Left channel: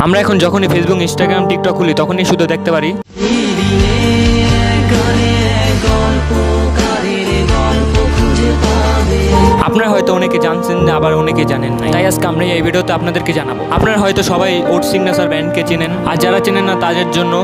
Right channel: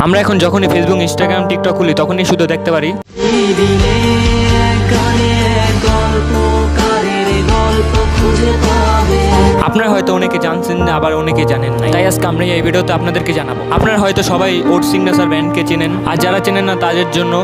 আমরা এখন যখনই ফেসবুক, ইনস্টাগ্রাম, টিকটক খুলি তখনই শুধু দেখতে পারি আপনারা হয়তো অনেকে জানছেন, আবার অনেকে জানেন না। তাই আজকে আমরা এই ভিডিওতে আপনাদেরকে জানাবো। আপনারা হয়তো সবাই ওট সিগনেচার ব্যান্ডকে চেনেন, আর যারা চেনেন না তাদের জন্য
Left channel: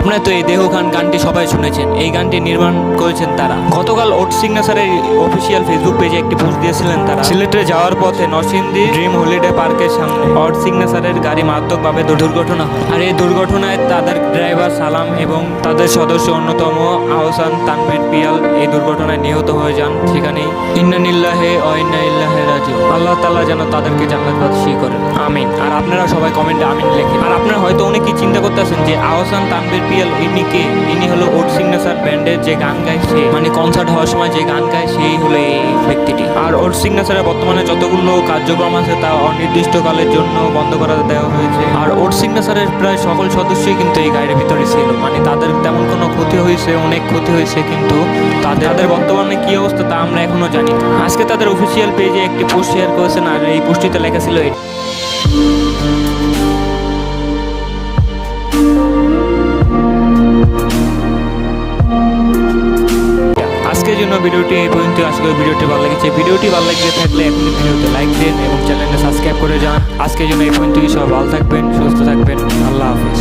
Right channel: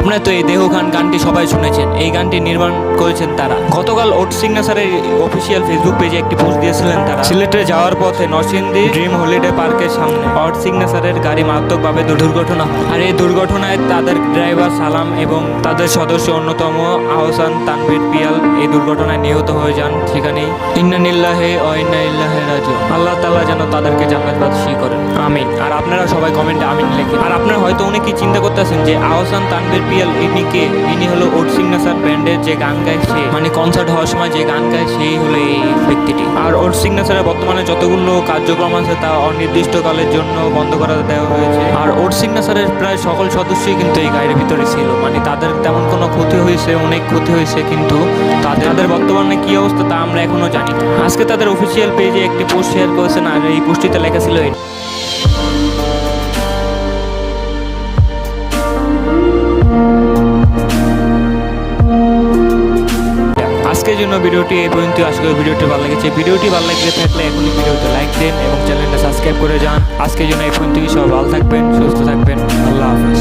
আপনারা তো এই দেহ খান গানটি সবাই শুনেছেন। এই গানটি নির্মাণ করেছেন তারা। গতকাল ওট সিগনেচারের অফিসিয়াল ফেসবুক পেজে একটি পোস্ট দিয়েছিলেন তারা। সিলেটে যাওয়ার পথে নরসিংদী ড্রিম হলিডে পার্কের সামনে ওট সিগনেচারের গাড়ি মারাত্মকভাবে দুর্ঘটনা হয়। আর এই দুর্ঘটনায় তাদের ড্রাইভার সালাম এবং তাদের সদস্য অন্যতম আহসান তানভীর পিয়াল এই দুর্ঘটনায় নিহত হয়ে যান সেখানেই। ইন্না লিল্লাহি ওয়া ইন্না ইলাইহি রাজিউন। আল্লাহ তাআলা যেন তাদেরকে জান্নাতবাসী করেন, আমিন। আর আপনারা সবাই কমেন্টে আমিন লেখেন। আর আপনারা হয়তো অনেকেই চিন্তা করতেছেন যে আহসান তানভীর পিয়াল ইনি কে? ইনি হলো ওট সিগনেচার ব্যান্ডের যে গান গায়, সে মানে কনসার্ট হওয়ার সময় যে গান গায় সেই হলো এই ব্যক্তিটি। আর ওট সিগনেচারের বর্তমানে যতগুলো কার্যক্রম আছে তা অনির্দিষ্টকালের জন্য বন্ধ করে দেওয়া হয়েছে। আর ওট সিগনেচারের প্রায় সকল সদস্যই কিন্তু এই গাড়ির ভিতরে ছিল। মানে তাদের তেমন কোনো ক্ষতি হয়েছে, অনেক ক্ষতি হয়েছে, কিন্তু তাদের বর্তমানে কি অবস্থা তা আমরা এখনো জানি না। আজকে তাদের অফিসিয়াল পেজে একটি পোস্ট শেয়ার করেছেন, আর এই পোস্টটিতে লেখা ছিল আজকের জন্য ভিডিওটি এই পর্যন্ত। আশা করি ভিডিওটি ভালো লেগেছে। ভিডিওটি ভালো লেগে থাকলে এখনই ভিডিওতে লাইক দেন এবং চ্যানেলটা সাবস্ক্রাইব করে যান। আজকের জন্য এই পর্যন্তই। সবাই ভালো থাকবেন, সুস্থ থাকবেন। আল্লাহ হাফেজ।